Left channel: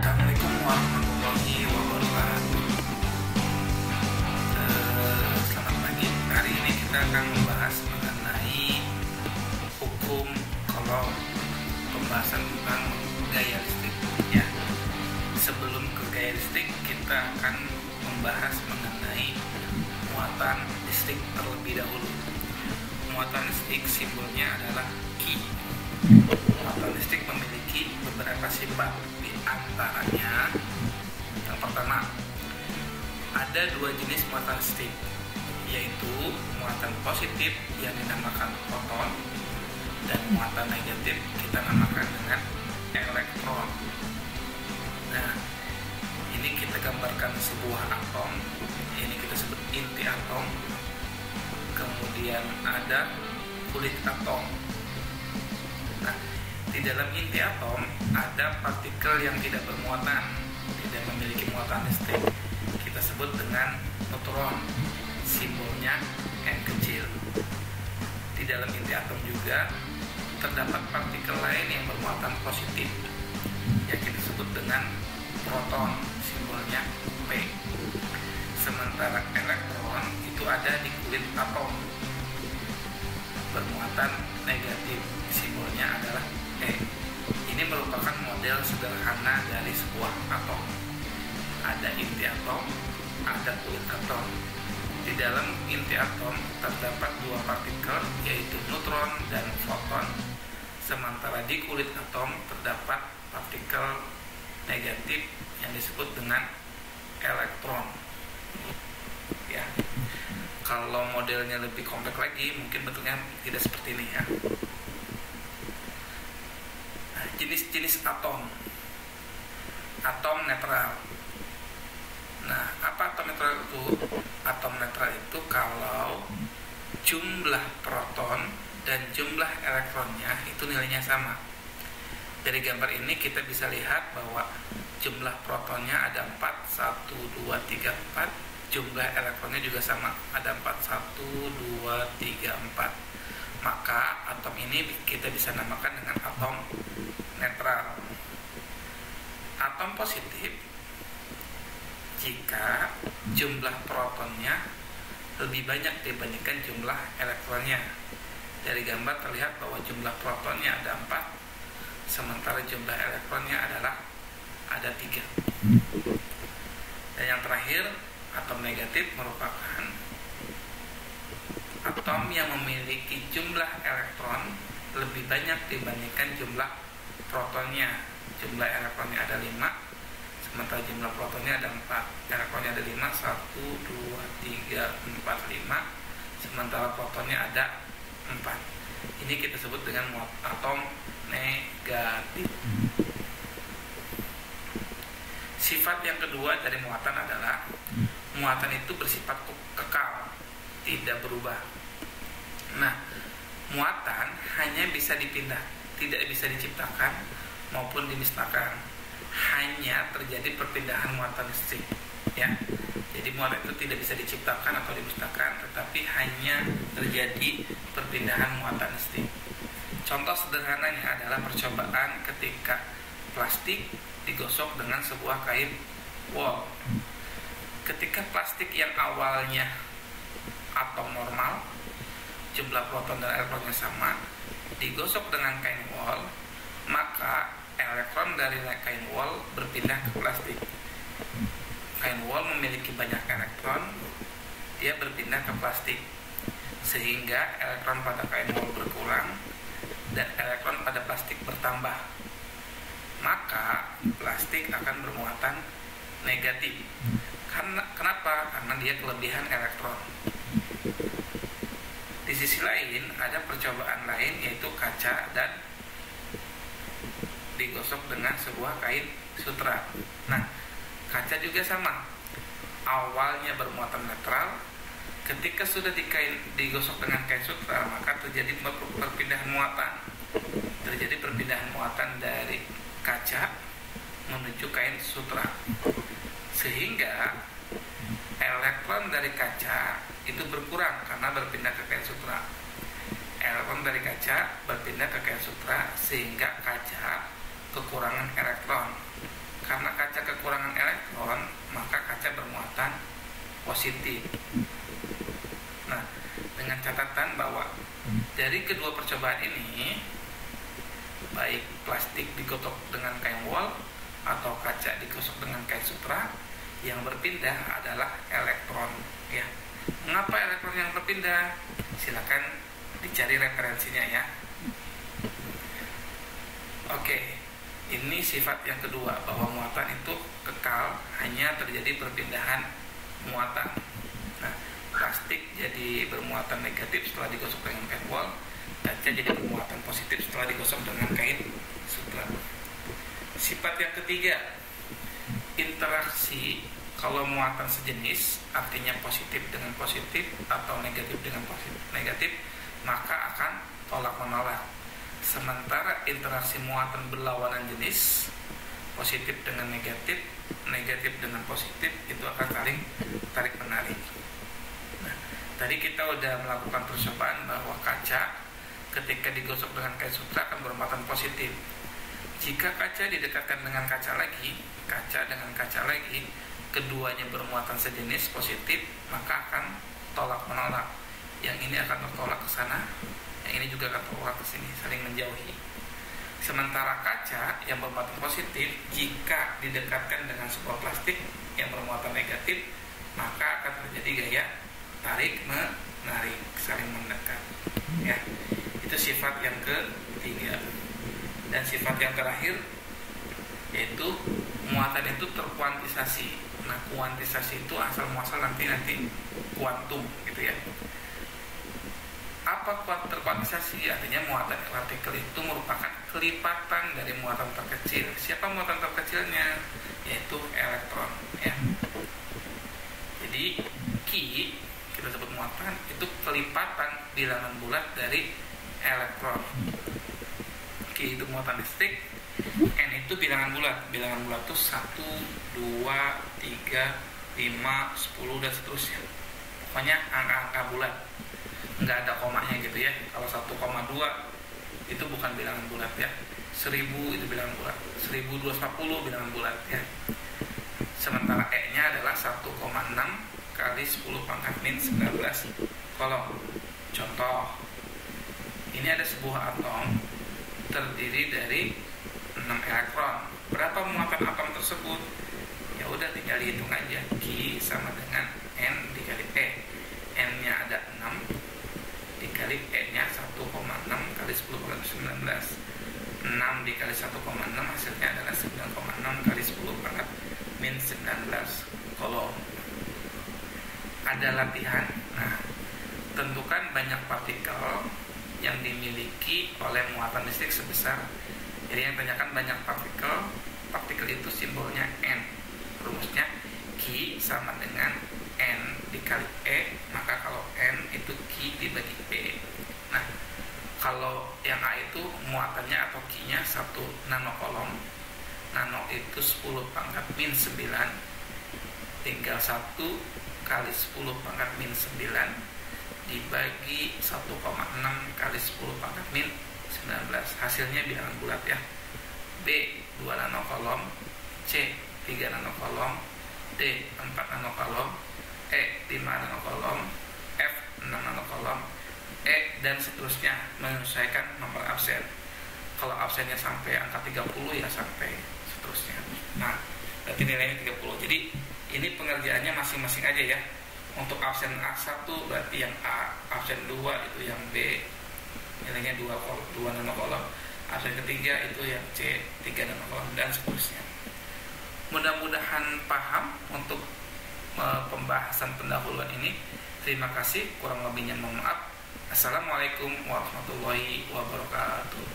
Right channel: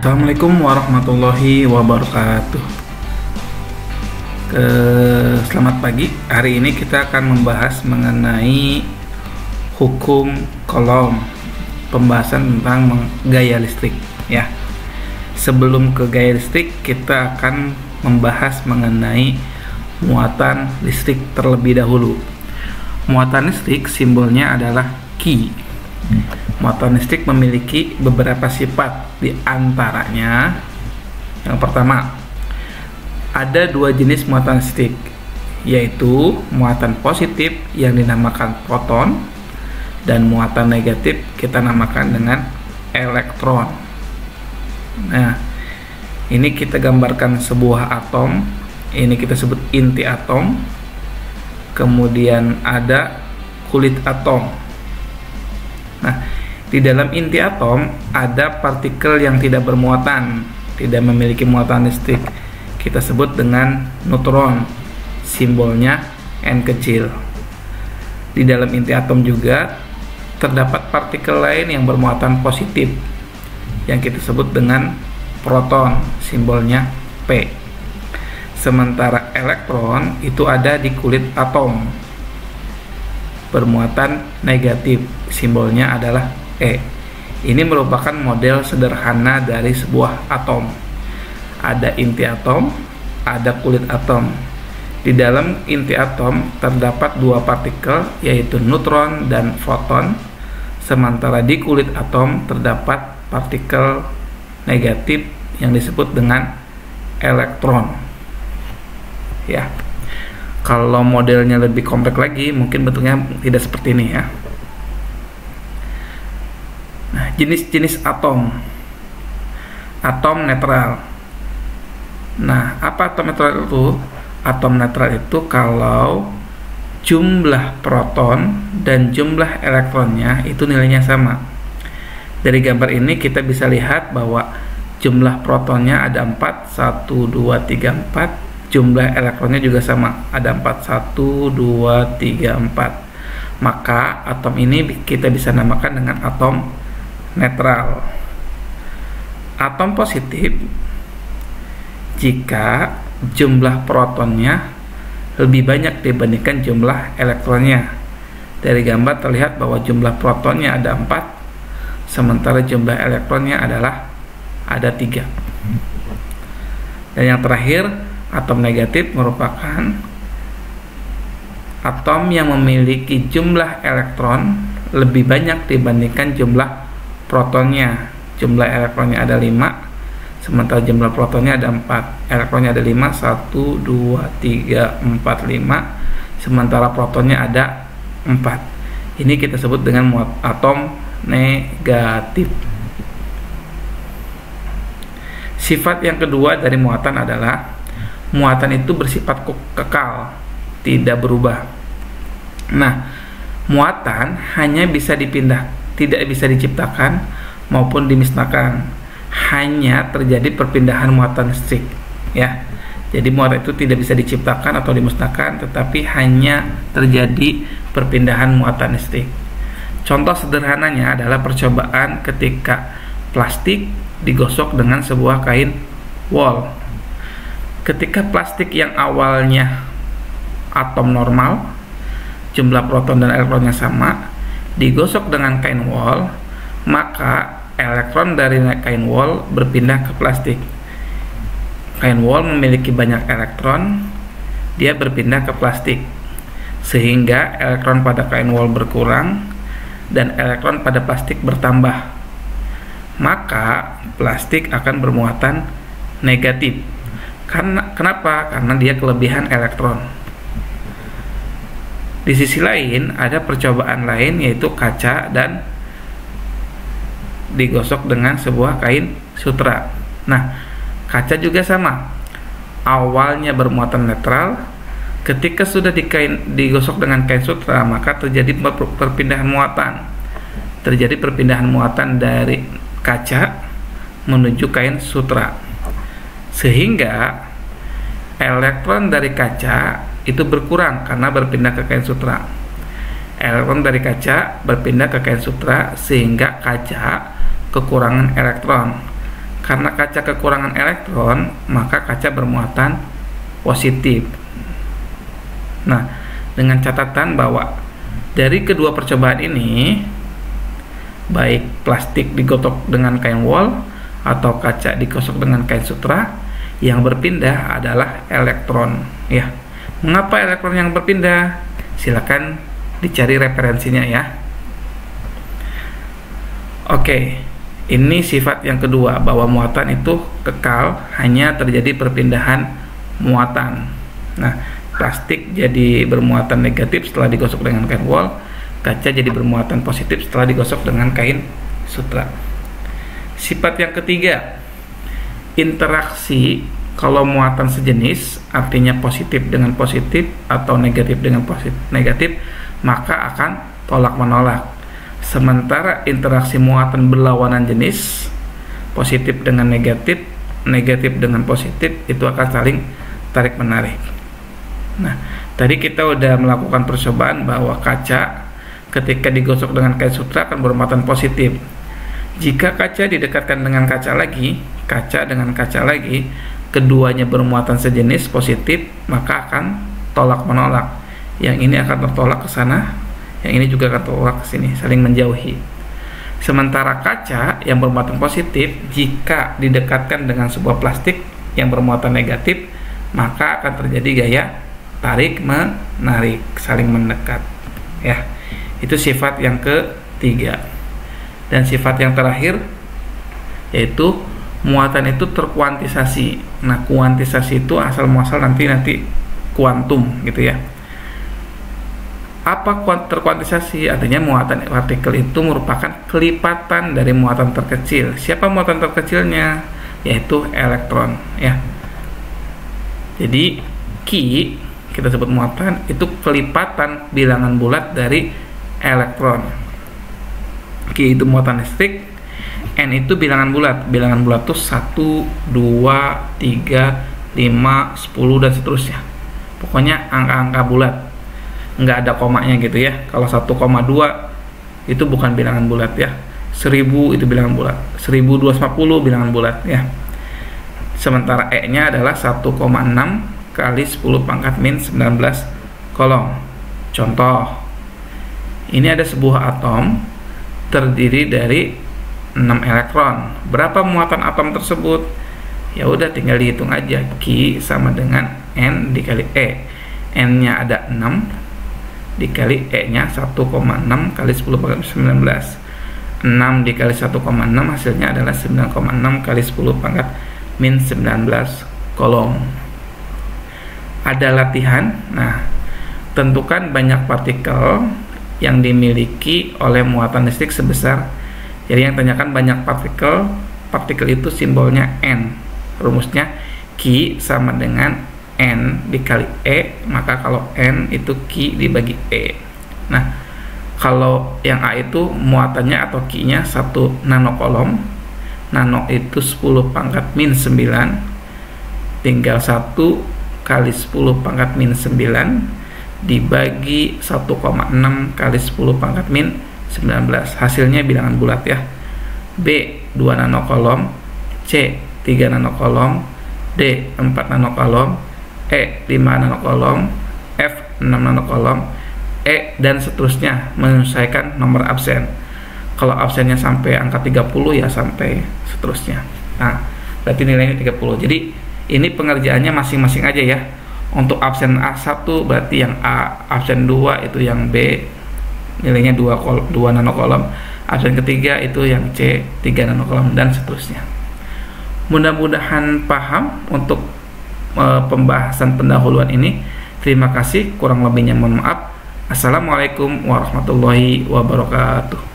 Assalamualaikum warahmatullahi wabarakatuh. Selamat pagi. Hari ini kita akan membahas mengenai hukum Coulomb, pembahasan tentang gaya listrik. Ya, sebelum ke gaya listrik, kita akan membahas mengenai muatan listrik terlebih dahulu. Muatan listrik simbolnya adalah Q. Muatan listrik memiliki beberapa sifat, di antaranya yang pertama, ada dua jenis muatan listrik, yaitu muatan positif yang dinamakan proton dan muatan negatif kita namakan dengan elektron. Nah, ini kita gambarkan sebuah atom, ini kita sebut inti atom, kemudian ada kulit atom. Nah, di dalam inti atom ada partikel yang tidak bermuatan, tidak memiliki muatan listrik. Kita sebut dengan neutron, simbolnya N kecil. Di dalam inti atom juga terdapat partikel lain yang bermuatan positif, yang kita sebut dengan proton, simbolnya P. Sementara elektron itu ada di kulit atom, bermuatan negatif, simbolnya adalah E. Ini merupakan model sederhana dari sebuah atom. Ada inti atom, ada kulit atom. Di dalam inti atom terdapat dua partikel, yaitu neutron dan foton. Sementara di kulit atom terdapat partikel negatif yang disebut dengan elektron. Ya. Kalau modelnya lebih kompleks lagi, mungkin bentuknya tidak seperti ini ya. Nah, jenis-jenis atom. Atom netral. Nah, apa atom netral itu? Atom netral itu kalau jumlah proton dan jumlah elektronnya itu nilainya sama. Dari gambar ini kita bisa lihat bahwa jumlah protonnya ada 4, 1, 2, 3, 4. Jumlah elektronnya juga sama, ada 4, 1, 2, 3, 4. Maka atom ini kita bisa namakan dengan atom netral. Atom positif jika jumlah protonnya lebih banyak dibandingkan jumlah elektronnya. Dari gambar terlihat bahwa jumlah protonnya ada 4, sementara jumlah elektronnya adalah ada 3. Dan yang terakhir, atom negatif merupakan atom yang memiliki jumlah elektron lebih banyak dibandingkan jumlah protonnya. Jumlah elektronnya ada 5, sementara jumlah protonnya ada 4. Elektronnya ada 5, 1, 2, 3, 4, 5, sementara protonnya ada 4. Ini kita sebut dengan atom negatif. Sifat yang kedua dari muatan adalah muatan itu bersifat kekal, tidak berubah. Nah, muatan hanya bisa dipindah, tidak bisa diciptakan maupun dimusnahkan. Hanya terjadi perpindahan muatan listrik, ya. Jadi muatan itu tidak bisa diciptakan atau dimusnahkan, tetapi hanya terjadi perpindahan muatan listrik. Contoh sederhananya adalah percobaan ketika plastik digosok dengan sebuah kain wol. Ketika plastik yang awalnya atom normal, jumlah proton dan elektronnya sama, digosok dengan kain wol, maka elektron dari kain wol berpindah ke plastik. Kain wol memiliki banyak elektron, dia berpindah ke plastik, sehingga elektron pada kain wol berkurang dan elektron pada plastik bertambah. Maka plastik akan bermuatan negatif. Kenapa? Karena dia kelebihan elektron. Di sisi lain ada percobaan lain, yaitu kaca dan digosok dengan sebuah kain sutra. Nah, kaca juga sama. Awalnya bermuatan netral, ketika sudah digosok dengan kain sutra, maka terjadi perpindahan muatan. Terjadi perpindahan muatan dari kaca menuju kain sutra, sehingga elektron dari kaca itu berkurang karena berpindah ke kain sutra. Elektron dari kaca berpindah ke kain sutra, sehingga kaca kekurangan elektron. Karena kaca kekurangan elektron, maka kaca bermuatan positif. Nah, dengan catatan bahwa dari kedua percobaan ini, baik plastik digosok dengan kain wol atau kaca digosok dengan kain sutra, yang berpindah adalah elektron, ya. Mengapa elektron yang berpindah? Silakan dicari referensinya, ya. Oke, ini sifat yang kedua, bahwa muatan itu kekal, hanya terjadi perpindahan muatan. Nah, plastik jadi bermuatan negatif setelah digosok dengan kain wol, kaca jadi bermuatan positif setelah digosok dengan kain sutra. Sifat yang ketiga, interaksi. Kalau muatan sejenis, artinya positif dengan positif atau negatif dengan negatif, maka akan tolak menolak. Sementara interaksi muatan berlawanan jenis, positif dengan negatif, negatif dengan positif, itu akan saling tarik menarik. Nah, tadi kita udah melakukan percobaan bahwa kaca ketika digosok dengan kain sutra akan bermuatan positif. Jika kaca didekatkan dengan kaca lagi, kaca dengan kaca lagi, keduanya bermuatan sejenis positif, maka akan tolak menolak. Yang ini akan tertolak ke sana, yang ini juga akan tertolak ke sini, saling menjauhi. Sementara kaca yang bermuatan positif, jika didekatkan dengan sebuah plastik yang bermuatan negatif, maka akan terjadi gaya tarik menarik, saling mendekat, ya. Itu sifat yang ketiga. Dan sifat yang terakhir yaitu muatan itu terkuantisasi. Nah, kuantisasi itu asal muasal nanti kuantum, gitu ya. Apa terkuantisasi? Artinya muatan partikel itu merupakan kelipatan dari muatan terkecil. Siapa muatan terkecilnya? Yaitu elektron, ya. Jadi Q, kita sebut muatan, itu kelipatan bilangan bulat dari elektron. Q itu muatan listrik, N itu bilangan bulat. Bilangan bulat itu 1, 2, 3, 5, 10 dan seterusnya. Pokoknya angka-angka bulat, nggak ada komanya gitu ya. Kalau 1,2 itu bukan bilangan bulat ya. 1000 itu bilangan bulat, 1250 bilangan bulat ya. Sementara E-nya adalah 1,6 kali 10 pangkat min 19 kolom. Contoh, ini ada sebuah atom terdiri dari 6 elektron. Berapa muatan atom tersebut? Ya udah tinggal dihitung aja. Q sama dengan N dikali E. N-nya ada 6 dikali E-nya 1,6 kali 10 pangkat 19. 6 dikali 1,6 hasilnya adalah 9,6 kali 10 pangkat min 19 kolom. Ada latihan. Nah, tentukan banyak partikel yang dimiliki oleh muatan listrik sebesar. Jadi yang tanyakan banyak partikel. Partikel itu simbolnya N. Rumusnya Q sama dengan N dikali E. Maka kalau N itu Q dibagi E. Nah, kalau yang A itu muatannya atau Q-nya 1 nanokolom. Nano itu 10 pangkat min 9. Tinggal 1 kali 10 pangkat min 9 dibagi 1,6 kali 10 pangkat min 19. Hasilnya bilangan bulat ya. B 2 nanokolom, C 3 nanokolom, D 4 nanokolom, E 5 nanokolom, F 6 nanokolom, E dan seterusnya menyesuaikan nomor absen. Kalau absennya sampai angka 30 ya sampai seterusnya. Nah, berarti nilainya 30. Jadi ini pengerjaannya masing-masing aja ya. Untuk absen A1 berarti yang A, absen 2 itu yang B, nilainya 2 nanokolom. Absen ketiga itu yang C, 3 nanokolom dan seterusnya. Mudah-mudahan paham untuk pembahasan pendahuluan ini. Terima kasih, kurang lebihnya mohon maaf. Assalamualaikum warahmatullahi wabarakatuh.